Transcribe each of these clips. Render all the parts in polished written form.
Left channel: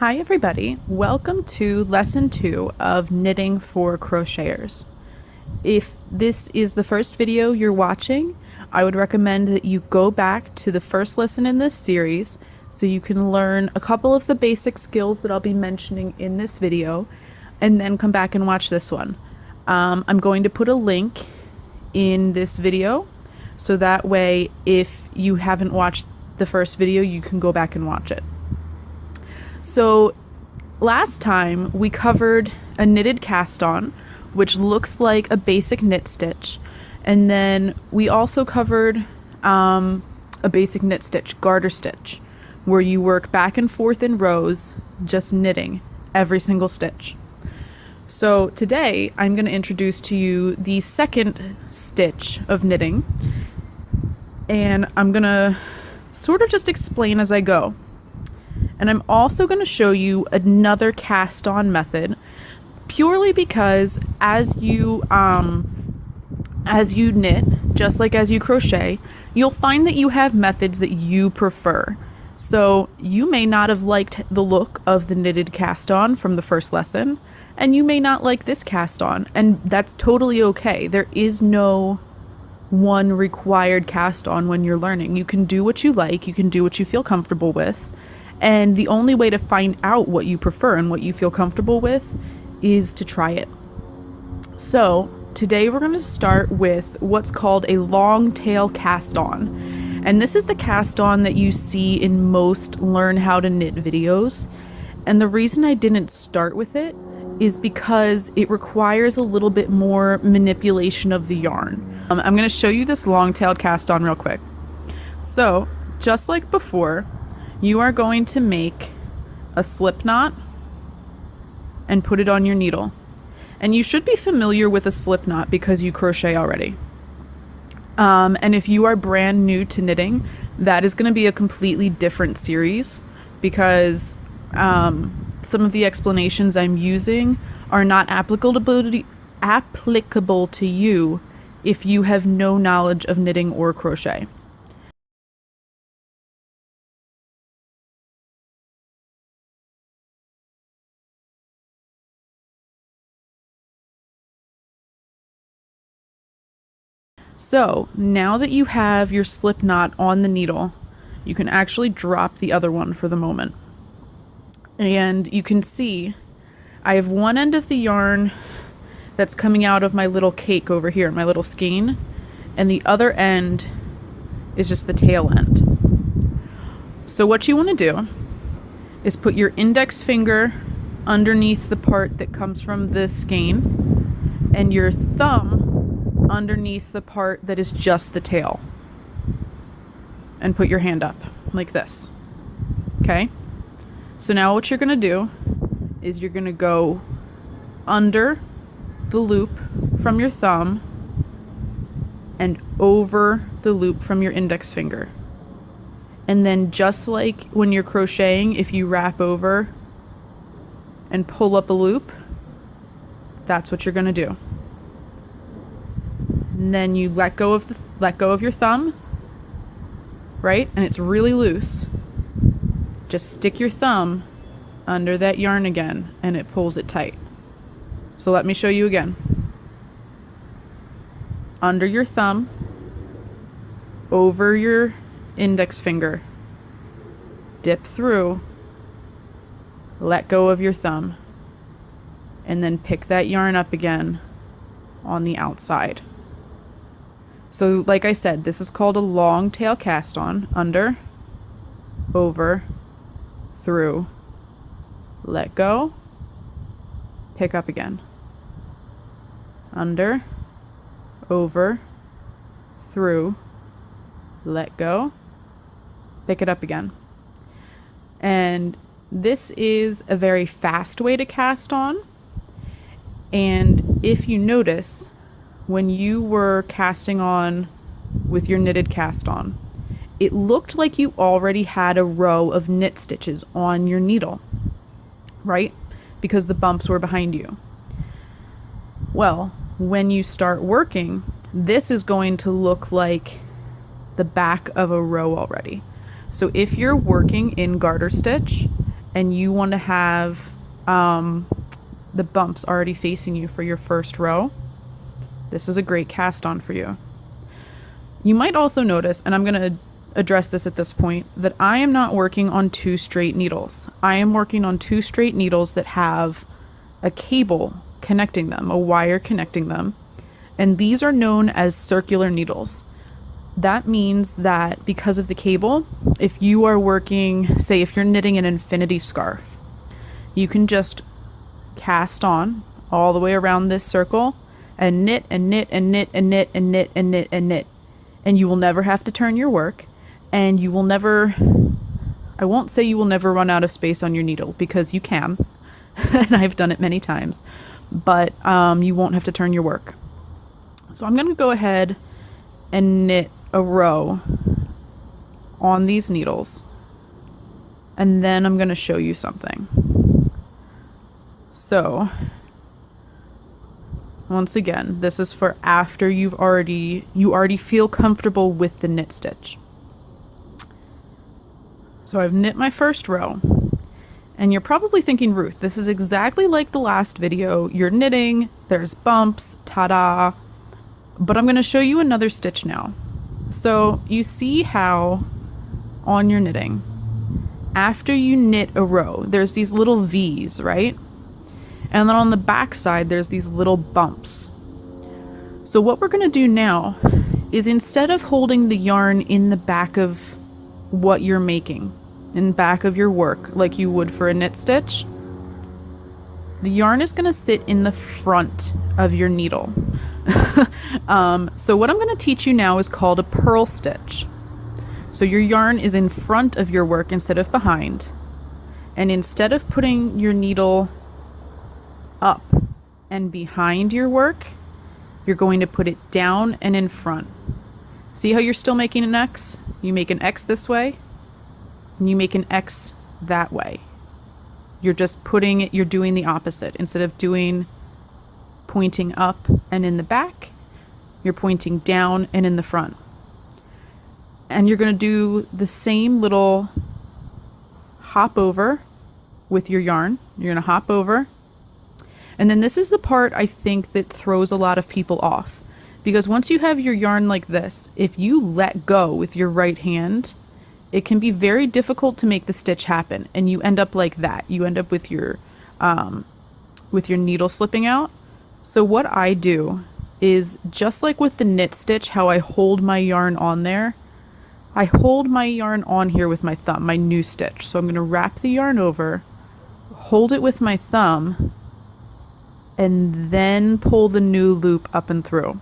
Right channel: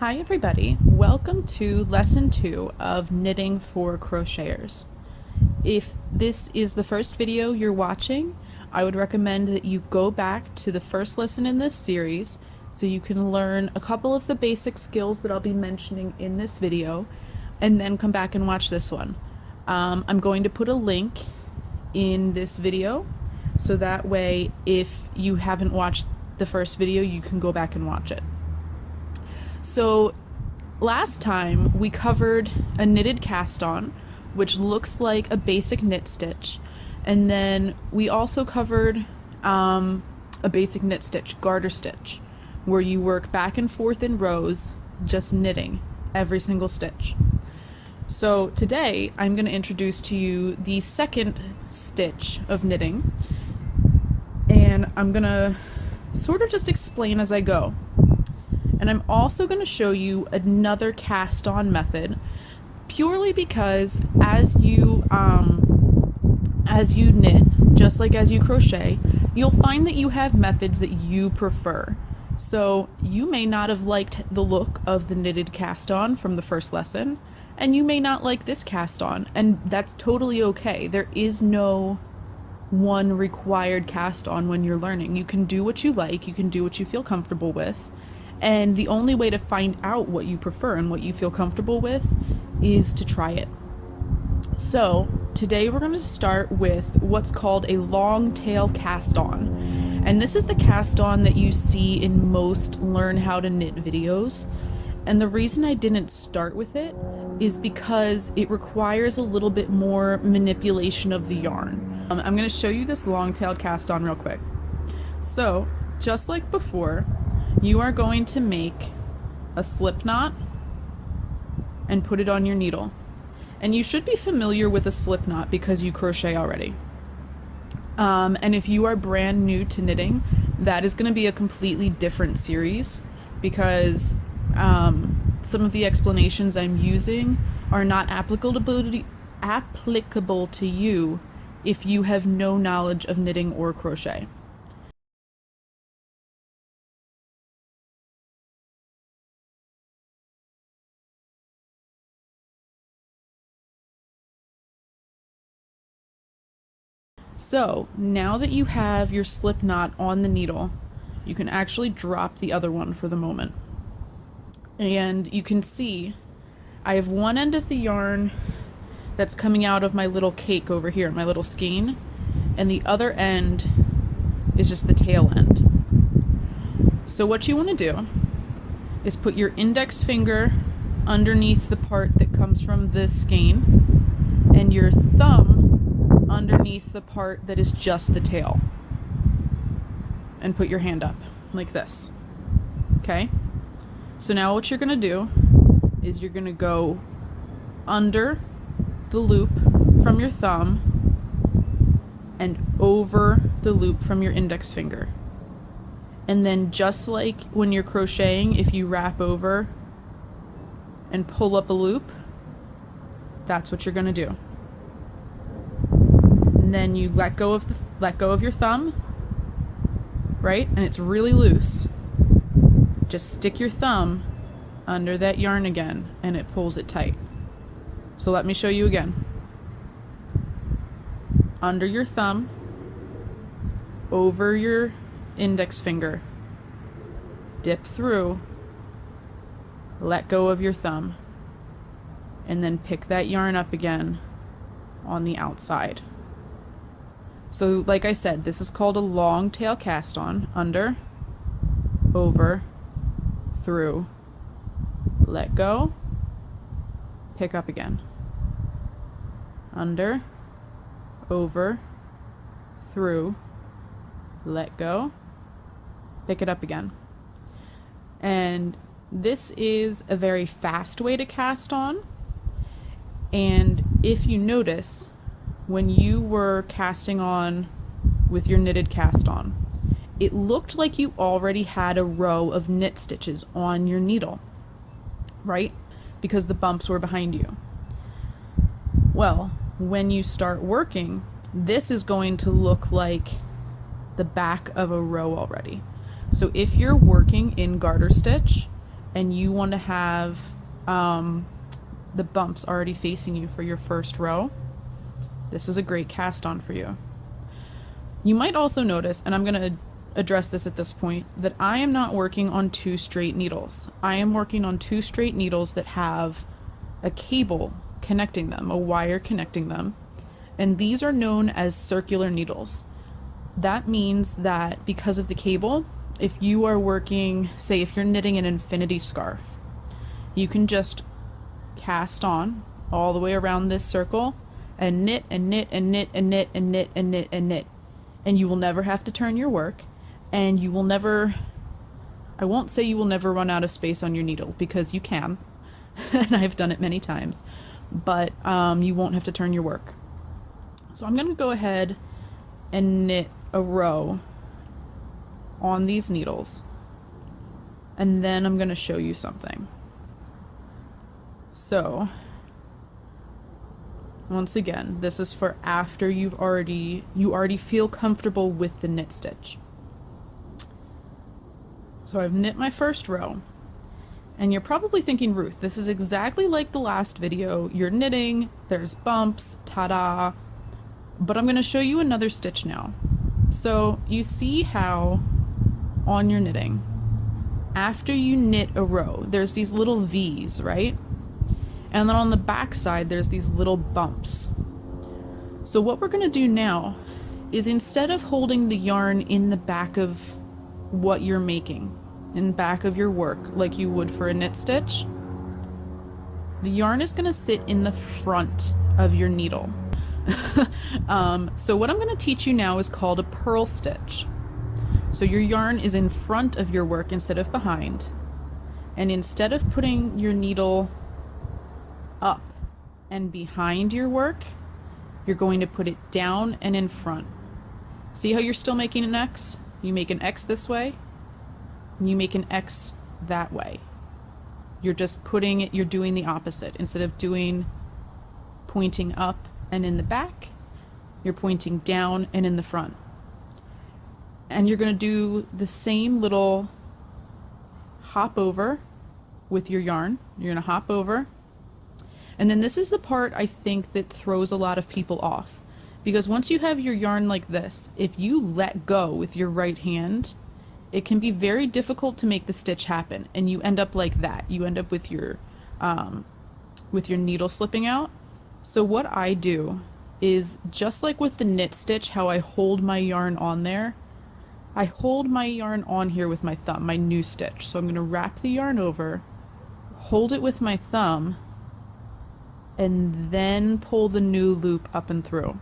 Hi everybody, welcome to lesson 2 of knitting for crocheters. If this is the first video you're watching, I would recommend that you go back to the first lesson in this series so you can learn a couple of the basic skills that I'll be mentioning in this video and then come back and watch this one. I'm going to put a link in this video so that way if you haven't watched the first video you can go back and watch it. So last time we covered a knitted cast on, which looks like a basic knit stitch, and then we also covered a basic knit stitch, garter stitch, where you work back and forth in rows, just knitting every single stitch. So today I'm going to introduce to you the second stitch of knitting, and I'm going to sort of just explain as I go. And I'm also going to show you another cast on method, purely because as you knit, just like as you crochet, you'll find that you have methods that you prefer. So you may not have liked the look of the knitted cast on from the first lesson, and you may not like this cast on, and that's totally okay. There is no one required cast on when you're learning. You can do what you like, you can do what you feel comfortable with. And the only way to find out what you prefer and what you feel comfortable with is to try it. So today we're going to start with what's called a long tail cast on. And this is the cast on that you see in most learn how to knit videos. And the reason I didn't start with it is because it requires a little bit more manipulation of the yarn. I'm going to show you this long tailed cast on real quick. So just like before, you are going to make a slip knot and put it on your needle. And you should be familiar with a slip knot because you crochet already. And if you are brand new to knitting, that is going to be a completely different series because some of the explanations I'm using are not applicable to you if you have no knowledge of knitting or crochet. So now that you have your slip knot on the needle, you can actually drop the other one for the moment. And you can see I have one end of the yarn that's coming out of my little cake over here, my little skein, and the other end is just the tail end. So what you want to do is put your index finger underneath the part that comes from the skein and your thumb underneath the part that is just the tail, and put your hand up like this. Okay, so now what you're gonna do is you're gonna go under the loop from your thumb and over the loop from your index finger, and then just like when you're crocheting, if you wrap over and pull up a loop, that's what you're gonna do. And then you let go of your thumb, right? And it's really loose. Just stick your thumb under that yarn again and it pulls it tight. So let me show you again. Under your thumb, over your index finger, dip through, let go of your thumb, and then pick that yarn up again on the outside. So like I said, this is called a long tail cast on. Under, over, through, let go, pick up again. Under, over, through, let go, pick it up again. And this is a very fast way to cast on. And if you notice, when you were casting on with your knitted cast on, it looked like you already had a row of knit stitches on your needle, right? Because the bumps were behind you. Well, when you start working, this is going to look like the back of a row already. So if you're working in garter stitch and you want to have the bumps already facing you for your first row, this is a great cast on for you. You might also notice, and I'm going to address this at this point, that I am not working on 2 straight needles. I am working on 2 straight needles that have a cable connecting them, a wire connecting them, and these are known as circular needles. That means that because of the cable, if you are working, say if you're knitting an infinity scarf, you can just cast on all the way around this circle and knit and knit and knit and knit and knit and knit and knit, and you will never have to turn your work, and you will never, I won't say you will never run out of space on your needle, because you can, and I've done it many times, but you won't have to turn your work. So I'm going to go ahead and knit a row on these needles, and then I'm going to show you something. So once again, this is for after you already feel comfortable with the knit stitch. So I've knit my first row, and you're probably thinking, Ruth, this is exactly like the last video. You're knitting, there's bumps, ta-da, but I'm going to show you another stitch now. So you see how on your knitting, after you knit a row, there's these little V's, right? And then on the back side, there's these little bumps. So what we're going to do now is, instead of holding the yarn in the back of what you're making, in back of your work, like you would for a knit stitch, the yarn is going to sit in the front of your needle. So what I'm going to teach you now is called a purl stitch. So your yarn is in front of your work instead of behind. And instead of putting your needle up and behind your work, you're going to put it down and in front. See how you're still making an X? You make an X this way, and you make an X that way. You're just putting it, you're doing the opposite. Instead of doing pointing up and in the back, you're pointing down and in the front. And you're going to do the same little hop over with your yarn. You're going to hop over. And then this is the part I think that throws a lot of people off. Because once you have your yarn like this, if you let go with your right hand, it can be very difficult to make the stitch happen. And you end up like that. You end up with your needle slipping out. So what I do is, just like with the knit stitch, how I hold my yarn on there, I hold my yarn on here with my thumb, my new stitch. So I'm going to wrap the yarn over, hold it with my thumb, and then pull the new loop up and through.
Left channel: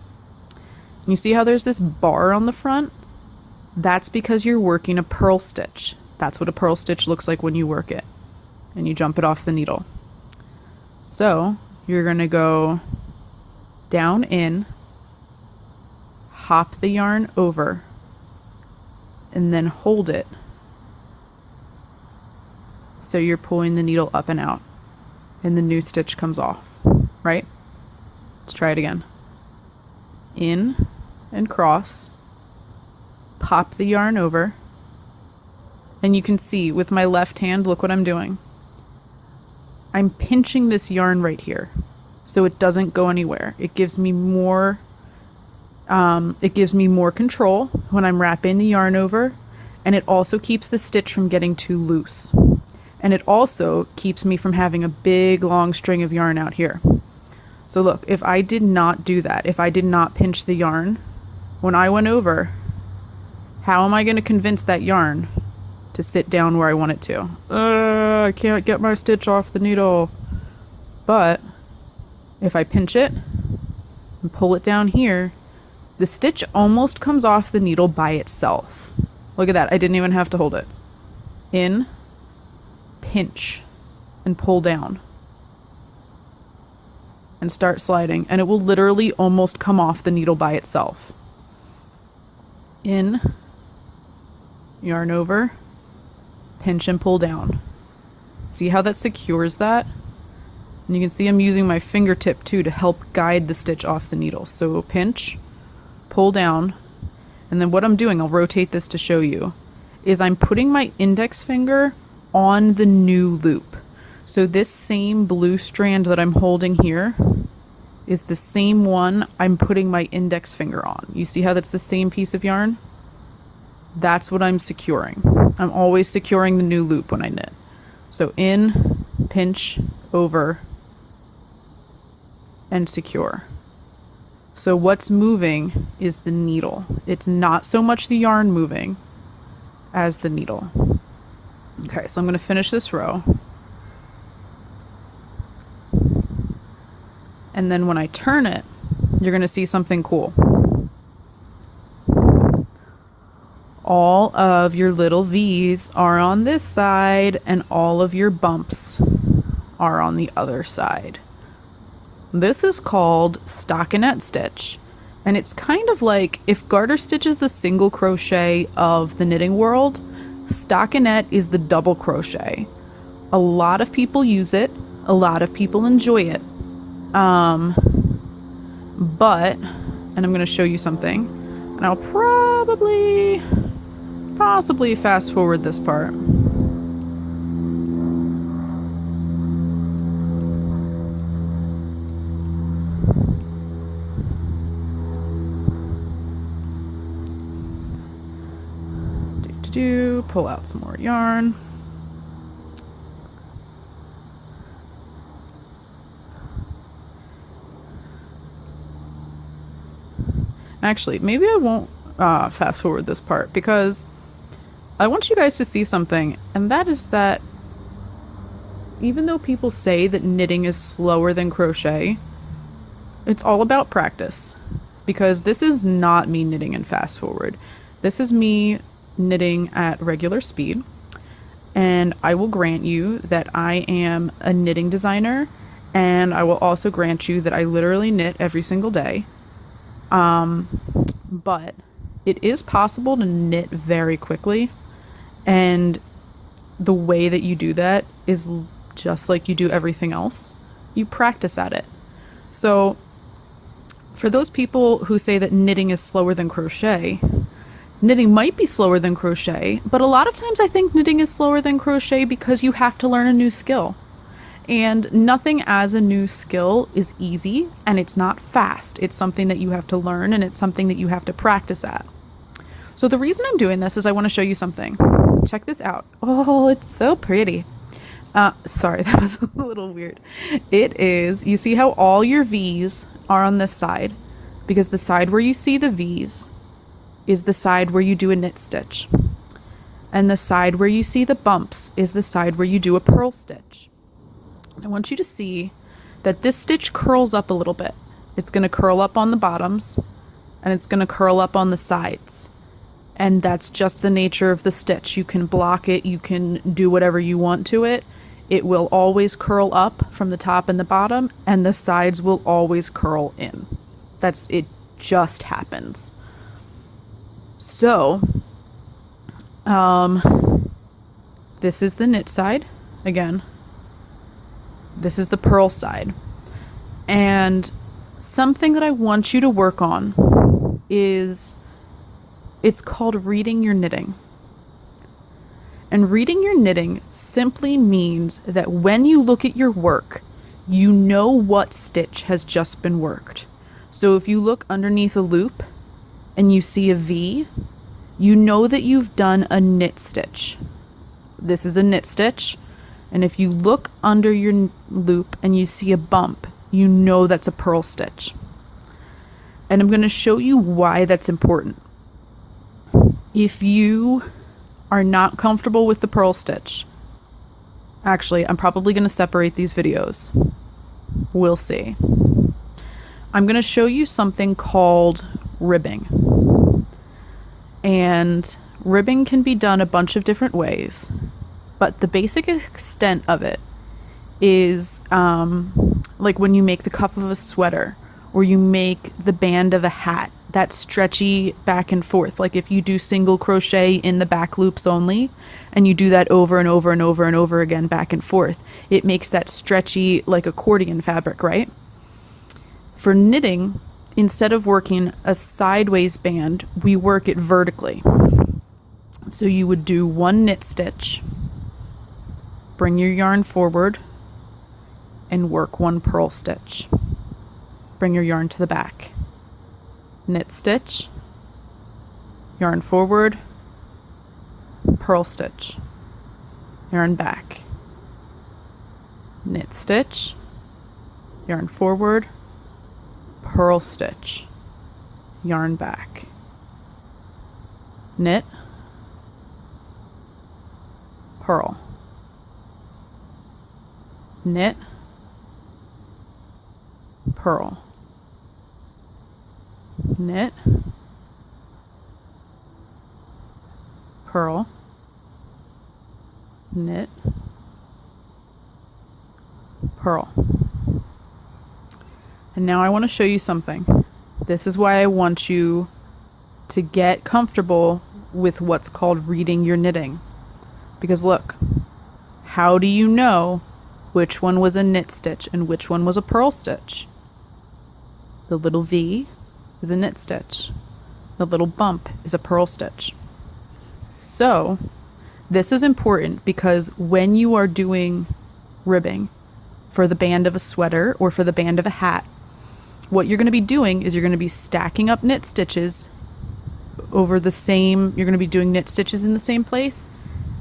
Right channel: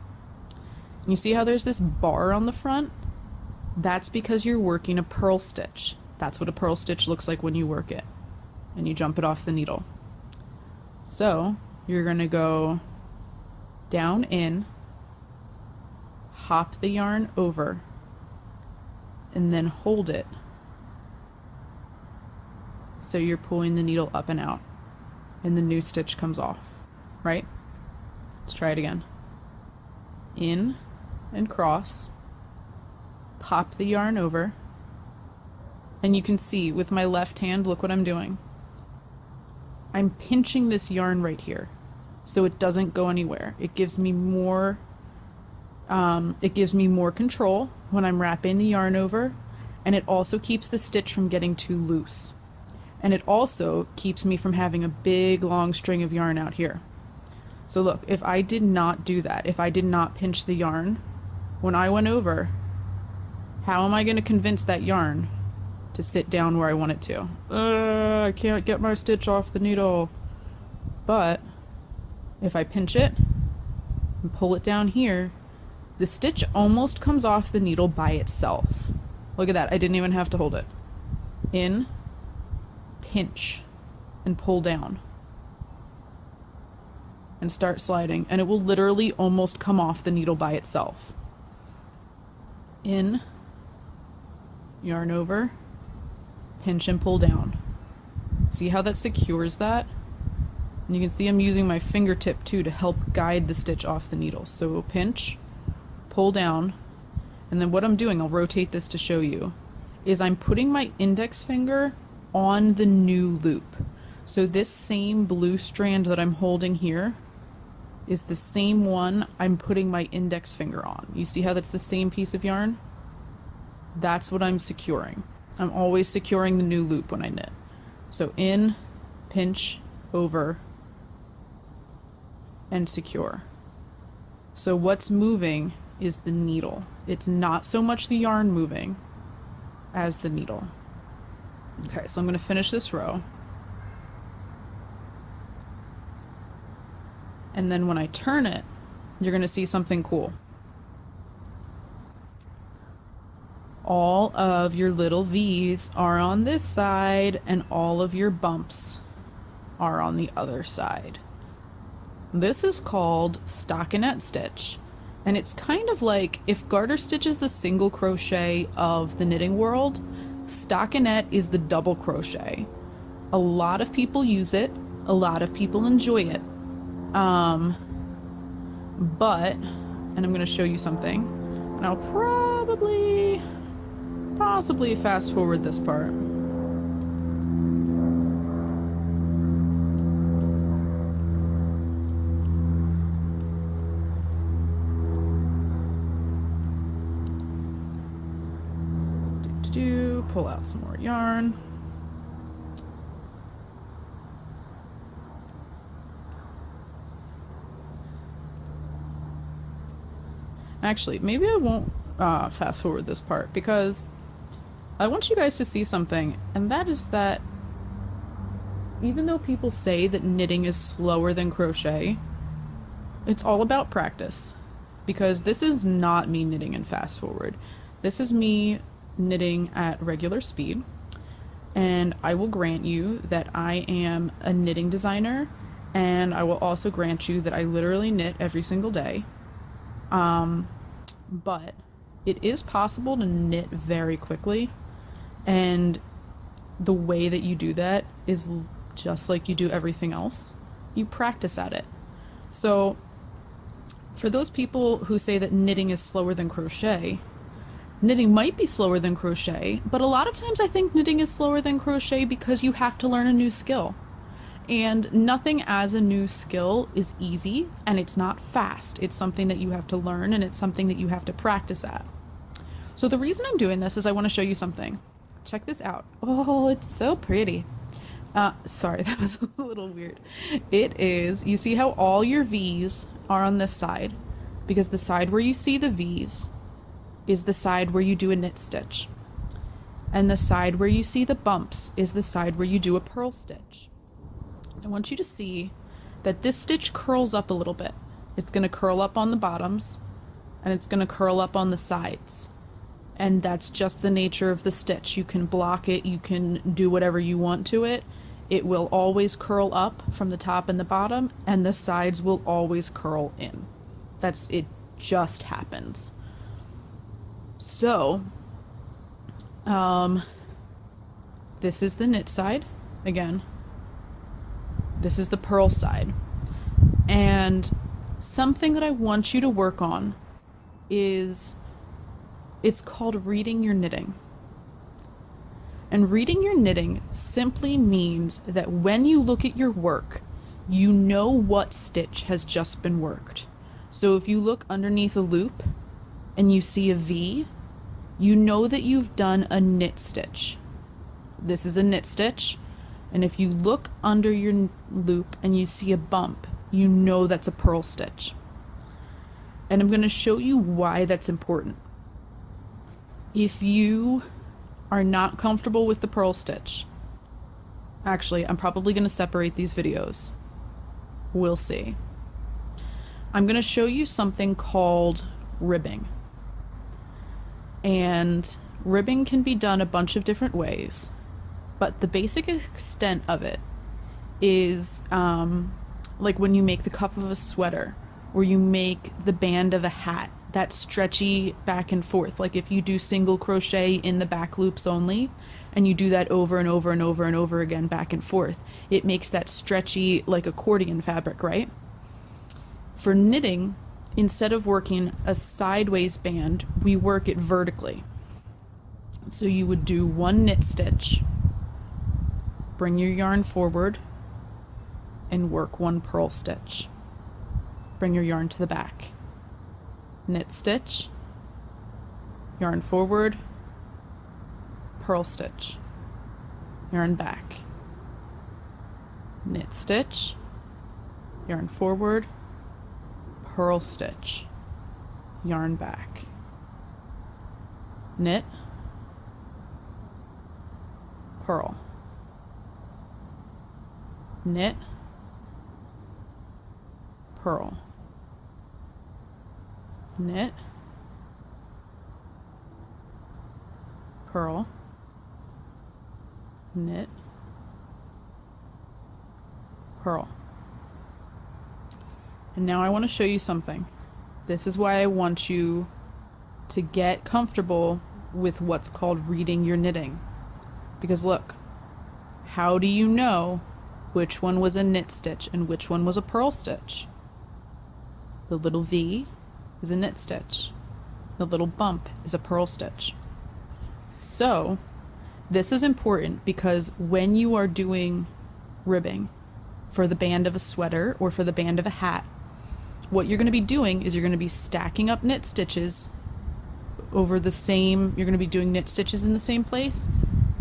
And you see how there's this bar on the front? That's because you're working a purl stitch. That's what a purl stitch looks like when you work it. And you jump it off the needle. So you're going to go down in, hop the yarn over, and then hold it. So you're pulling the needle up and out, and the new stitch comes off, right? Let's try it again. In and cross, pop the yarn over, and you can see with my left hand, look what I'm doing. I'm pinching this yarn right here so it doesn't go anywhere. It gives me more control when I'm wrapping the yarn over, and it also keeps the stitch from getting too loose. And it also keeps me from having a big long string of yarn out here. So look, if I did not do that, if I did not pinch the yarn, when I went over, how am I going to convince that yarn to sit down where I want it to? I can't get my stitch off the needle. But if I pinch it and pull it down here, the stitch almost comes off the needle by itself. Look at that, I didn't even have to hold it. In, pinch, and pull down. And start sliding, and it will literally almost come off the needle by itself. In, yarn over, pinch and pull down. See how that secures that? And you can see I'm using my fingertip too to help guide the stitch off the needle. So pinch, pull down, and then what I'm doing, I'll rotate this to show you, is I'm putting my index finger on the new loop. So this same blue strand that I'm holding here is the same one I'm putting my index finger on. You see how that's the same piece of yarn? That's what I'm securing. I'm always securing the new loop when I knit. So in, pinch, over, and secure. So what's moving is the needle. It's not so much the yarn moving as the needle. Okay, so I'm going to finish this row. And then when I turn it, you're going to see something cool. All of your little V's are on this side and all of your bumps are on the other side. This is called stockinette stitch, and it's kind of like if garter stitch is the single crochet of the knitting world, stockinette is the double crochet. A lot of people use it, a lot of people enjoy it, but, and I'm going to show you something, and I'll possibly fast forward this part. Pull out some more yarn. Actually, maybe I won't fast forward this part because I want you guys to see something, and that is that even though people say that knitting is slower than crochet, it's all about practice, because this is not me knitting in fast forward. This is me knitting at regular speed, and I will grant you that I am a knitting designer, and I will also grant you that I literally knit every single day. But it is possible to knit very quickly, and the way that you do that is just like you do everything else. You practice at it. So for those people who say that knitting is slower than crochet, knitting might be slower than crochet, but a lot of times I think knitting is slower than crochet because you have to learn a new skill. And nothing as a new skill is easy, and it's not fast. It's something that you have to learn, and it's something that you have to practice at. So the reason I'm doing this is I want to show you something. Check this out. Oh, it's so pretty. Sorry, that was a little weird. It is, you see how all your V's are on this side? Because the side where you see the V's is the side where you do a knit stitch. And the side where you see the bumps is the side where you do a purl stitch. I want you to see that this stitch curls up a little bit. It's going to curl up on the bottoms, and it's going to curl up on the sides. And that's just the nature of the stitch. You can block it, you can do whatever you want to it. It will always curl up from the top and the bottom, and the sides will always curl in. It just happens. So, this is the knit side, again. This is the purl side. And something that I want you to work on is, it's called reading your knitting. And reading your knitting simply means that when you look at your work, you know what stitch has just been worked. So if you look underneath a loop and you see a V, you know that you've done a knit stitch. This is a knit stitch. And if you look under your loop and you see a bump, you know that's a purl stitch. And I'm going to show you why that's important. If you are not comfortable with the purl stitch, actually, I'm probably going to separate these videos. We'll see. I'm going to show you something called ribbing. And ribbing can be done a bunch of different ways, but the basic extent of it is like when you make the cuff of a sweater, or you make the band of a hat, that stretchy back and forth. Like if you do single crochet in the back loops only, and you do that over and over and over and over again back and forth, it makes that stretchy like accordion fabric, right? For knitting, instead of working a sideways band, we work it vertically. So you would do one knit stitch, bring your yarn forward and work one purl stitch. Bring your yarn to the back. Knit stitch, yarn forward, purl stitch, yarn back. Knit stitch, yarn forward, purl stitch, yarn back. Knit, purl. Knit, purl. Knit, purl, knit, purl. And now I want to show you something. This is why I want you to get comfortable with what's called reading your knitting. Because look, how do you know which one was a knit stitch and which one was a purl stitch? The little V is a knit stitch. The little bump is a purl stitch. So this is important because when you are doing ribbing for the band of a sweater or for the band of a hat, what you're going to be doing is you're going to be stacking up knit stitches over the same, you're going to be doing knit stitches in the same place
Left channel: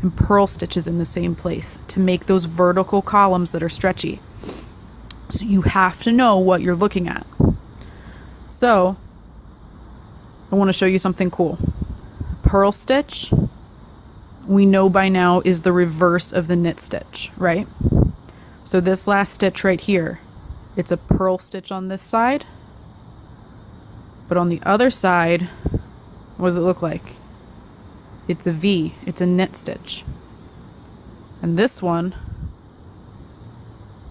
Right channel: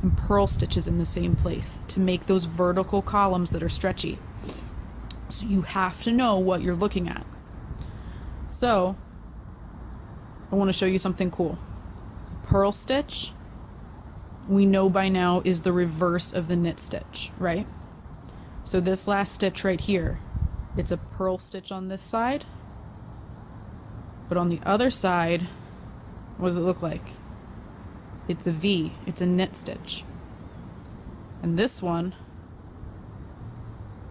and purl stitches in the same place to make those vertical columns that are stretchy. So you have to know what you're looking at. So I want to show you something cool. Purl stitch, we know by now, is the reverse of the knit stitch, right? So this last stitch right here, it's a purl stitch on this side, but on the other side, what does it look like? It's a V, it's a knit stitch. And this one,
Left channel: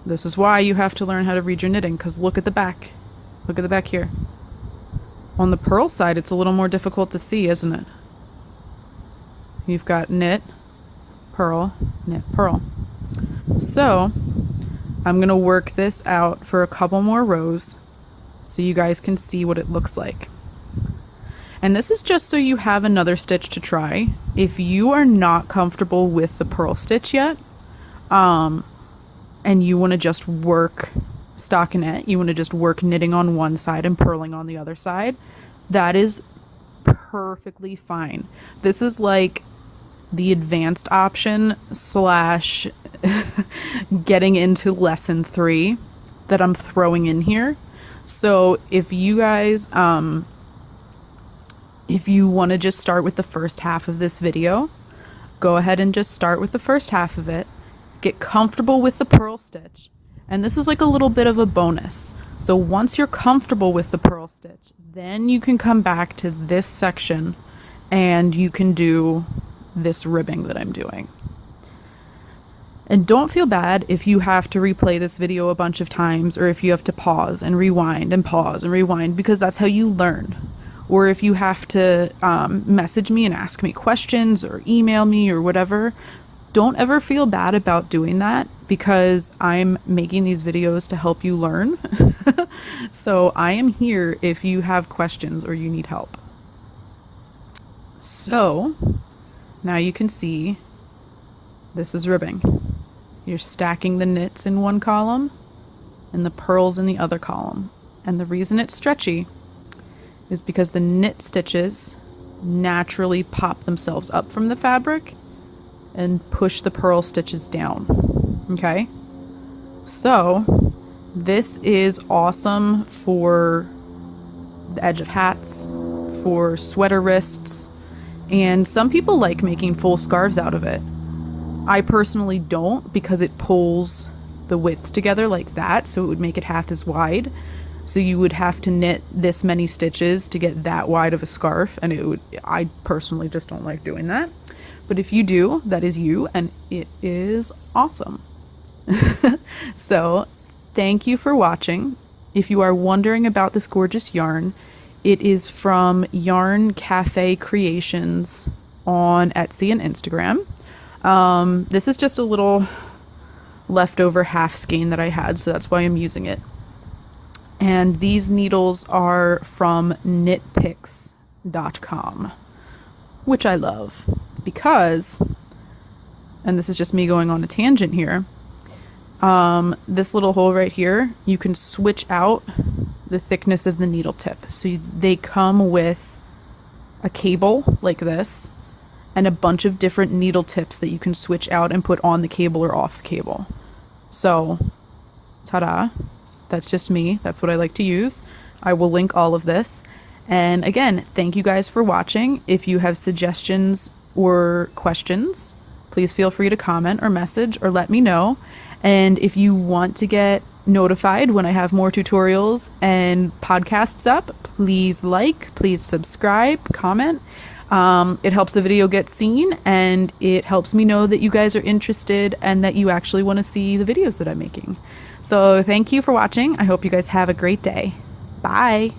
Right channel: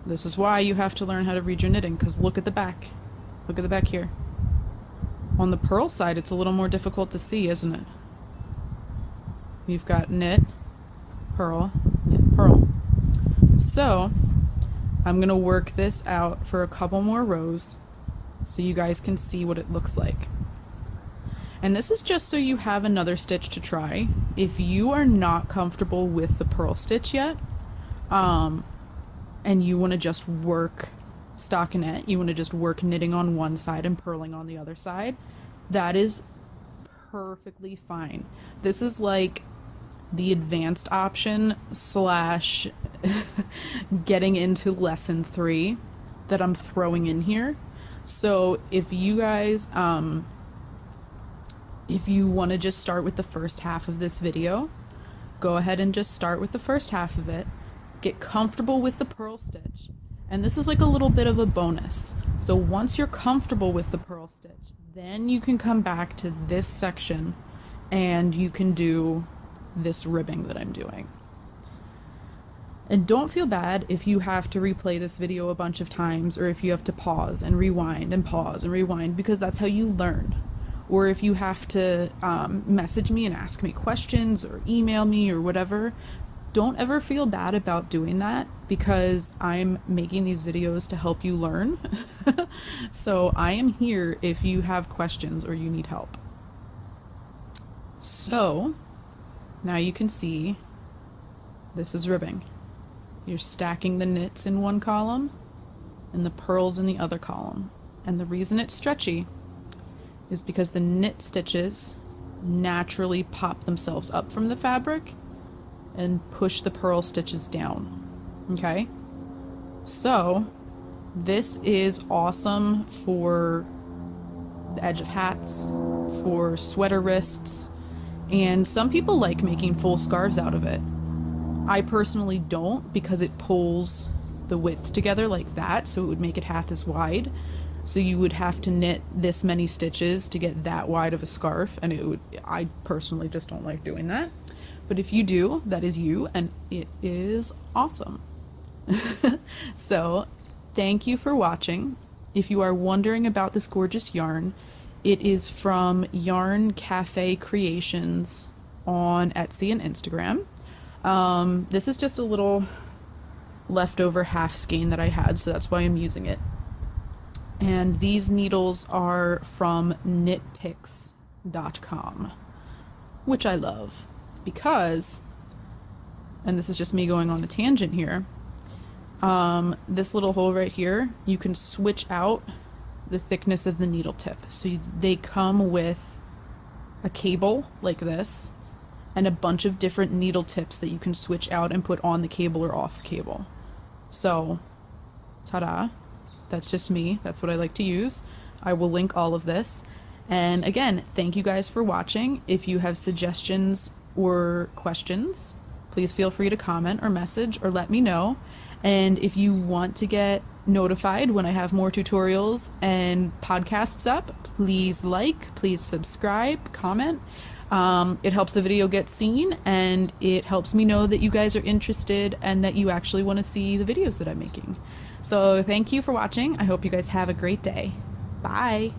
this is why you have to learn how to read your knitting, because look at the back. Look at the back here. On the purl side, it's a little more difficult to see, isn't it? You've got knit, purl, knit, purl. So I'm going to work this out for a couple more rows so you guys can see what it looks like. And this is just so you have another stitch to try. If you are not comfortable with the purl stitch yet, and you want to just work stockinette, you want to just work knitting on one side and purling on the other side, that is perfectly fine. This is like the advanced option slash getting into lesson 3 that I'm throwing in here. So if you guys, if you want to just start with the first half of this video, go ahead and just start with the first half of it. Get comfortable with the purl stitch. And this is like a little bit of a bonus. So once you're comfortable with the purl stitch, then you can come back to this section and you can do this ribbing that I'm doing. And don't feel bad if you have to replay this video a bunch of times, or if you have to pause and rewind and pause and rewind, because that's how you learn. Or if you have to message me and ask me questions or email me or whatever, don't ever feel bad about doing that, because I'm making these videos to help you learn. So I am here if you have questions or you need help. So now you can see this is ribbing. You're stacking the knits in one column and the purls in the other column. And the reason it's stretchy is because the knit stitches naturally pop themselves up from the fabric and push the purl stitches down. Okay? So this is awesome for the edge of hats, for sweater wrists, and some people like making full scarves out of it. I personally don't, because it pulls the width together like that, so it would make it half as wide. So you would have to knit this many stitches to get that wide of a scarf, and it would, I personally just don't like doing that. But if you do, that is you, and it is awesome. So thank you for watching. If you are wondering about this gorgeous yarn, it is from Yarn Cafe Creations on Etsy and Instagram. This is just a little leftover half skein that I had, so that's why I'm using it. And these needles are from knitpicks.com, which I love, because and this is just me going on a tangent here, this little hole right here, you can switch out the thickness of the needle tip. So they come with a cable like this and a bunch of different needle tips that you can switch out and put on the cable or off the cable. So, ta-da, that's just me. That's what I like to use. I will link all of this. And again, thank you guys for watching. If you have suggestions or questions, please feel free to comment or message or let me know. And if you want to get notified when I have more tutorials and podcasts up, please please subscribe, comment. It helps the video get seen, and it helps me know that you guys are interested and that you actually want to see the videos that I'm making. So thank you for watching. I hope you guys have a great day. Bye.